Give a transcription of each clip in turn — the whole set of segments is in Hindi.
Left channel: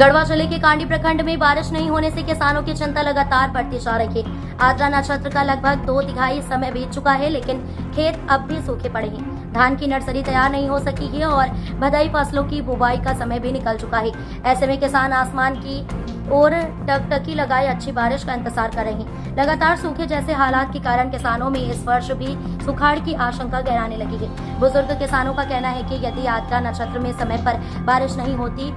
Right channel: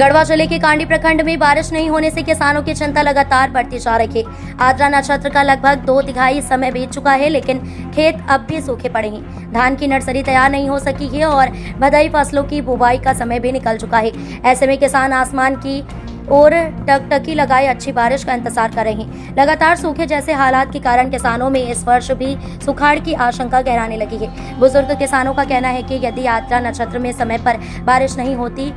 गढ़वा जिले के कांडी प्रखंड में बारिश नहीं होने से किसानों की चिंता लगातार बढ़ती जा रही है। आद्रा नक्षत्र का लगभग 2/3 समय बीत चुका है, लेकिन खेत अब भी सूखे पड़े हैं। धान की नर्सरी तैयार नहीं हो सकी है और भदई फसलों की बुवाई का समय भी निकल चुका है। ऐसे में किसान आसमान की और टकटकी लगाए अच्छी बारिश का इंतजार कर रहे हैं। लगातार सूखे जैसे हालात के कारण किसानों में इस वर्ष भी सुखाड़ की आशंका गहराने लगी है। बुजुर्ग किसानों का कहना है कि यदि आद्रा नक्षत्र में समय पर बारिश नहीं होती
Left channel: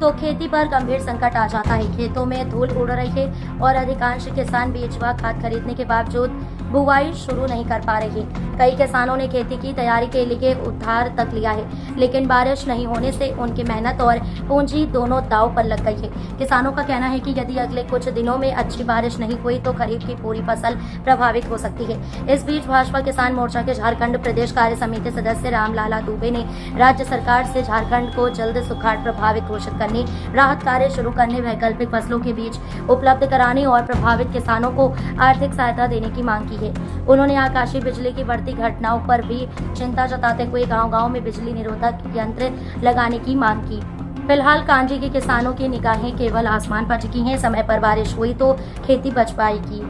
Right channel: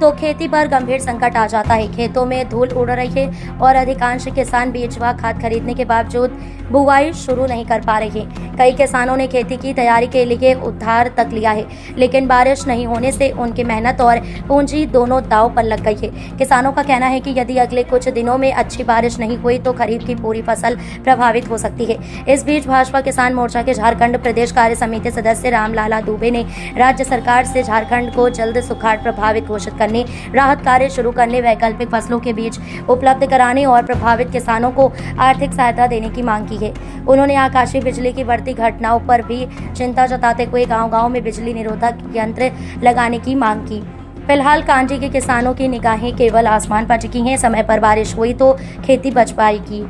तो खेती पर गंभीर संकट आ जाता है। खेतों में धूल उड़ रही है और अधिकांश किसान बीज व खाद खरीदने के बावजूद बुवाई शुरू नहीं कर पा रहे हैं। कई किसानों ने खेती की तैयारी के लिए उधार तक लिया है, लेकिन बारिश नहीं होने से उनकी मेहनत और पूंजी दोनों दांव पर लग गई है। किसानों का कहना है कि यदि अगले कुछ दिनों में अच्छी बारिश नहीं हुई तो खरीफ की पूरी फसल प्रभावित हो सकती है। इस बीच भाजपा किसान मोर्चा के झारखंड प्रदेश कार्य समिति सदस्य रामलाला दुबे ने राज्य सरकार से झारखंड को जल्द सुखाड़ प्रभावित घोषित करने, राहत कार्य शुरू करने, वैकल्पिक फसलों के बीज उपलब्ध कराने और प्रभावित किसानों को आर्थिक सहायता देने की मांग की है। उन्होंने आकाशीय बिजली की बढ़ती घटनाओं पर भी चिंता जताते हुए गांव-गांव में बिजली निरोधक यंत्र लगाने की मांग की। फिलहाल कांजी के किसानों की निगाहें केवल आसमान पर टिकी हैं। समय पर बारिश हुई तो खेती बच पाएगी।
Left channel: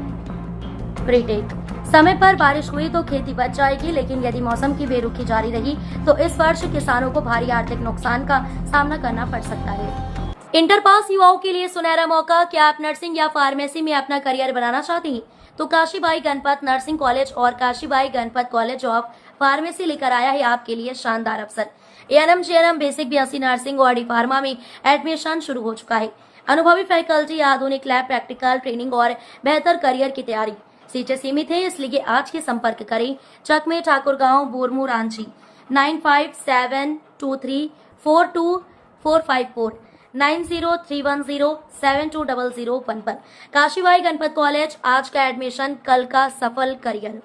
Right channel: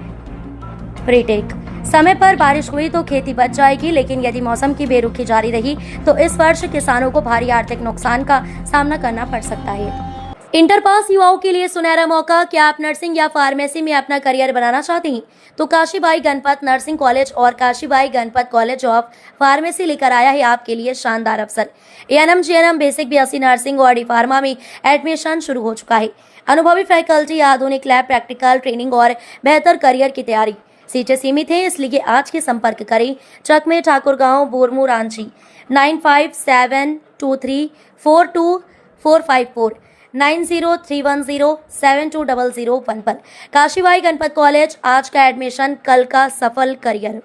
प्रीटेक समय पर बारिश हुई तो खेती बच जाएगी, लेकिन यदि मौसम की बेरुखी जारी रही तो इस वर्ष किसानों को भारी आर्थिक नुकसान का सामना करना पड़ सकता है। इंटर पास युवाओं के लिए सुनहरा मौका। क्या आप नर्सिंग या फार्मेसी में अपना करियर बनाना चाहते हैं तो काशीबाई गणपत नर्सिंग कॉलेज और Kashibai Ganpat college of pharmacy लेकर आया है आपके लिए शानदार अवसर। ANM, GNM, basic, BSc nursing और डी फार्मा में एडमिशन शुरू हो चुका है। अनुभवी फैकल्टी, आधुनिक लैब, प्रैक्टिकल ट्रेनिंग और बेहतर करियर की तैयारी। सीटें सीमित है, इसलिए आज के संपर्क करें चकमे ठाकुरगांव, बोरमू, रांची 9572342454 9031072001 पर। काशीबाई गणपत कॉलेज, आज का एडमिशन, कल का सफल करियर।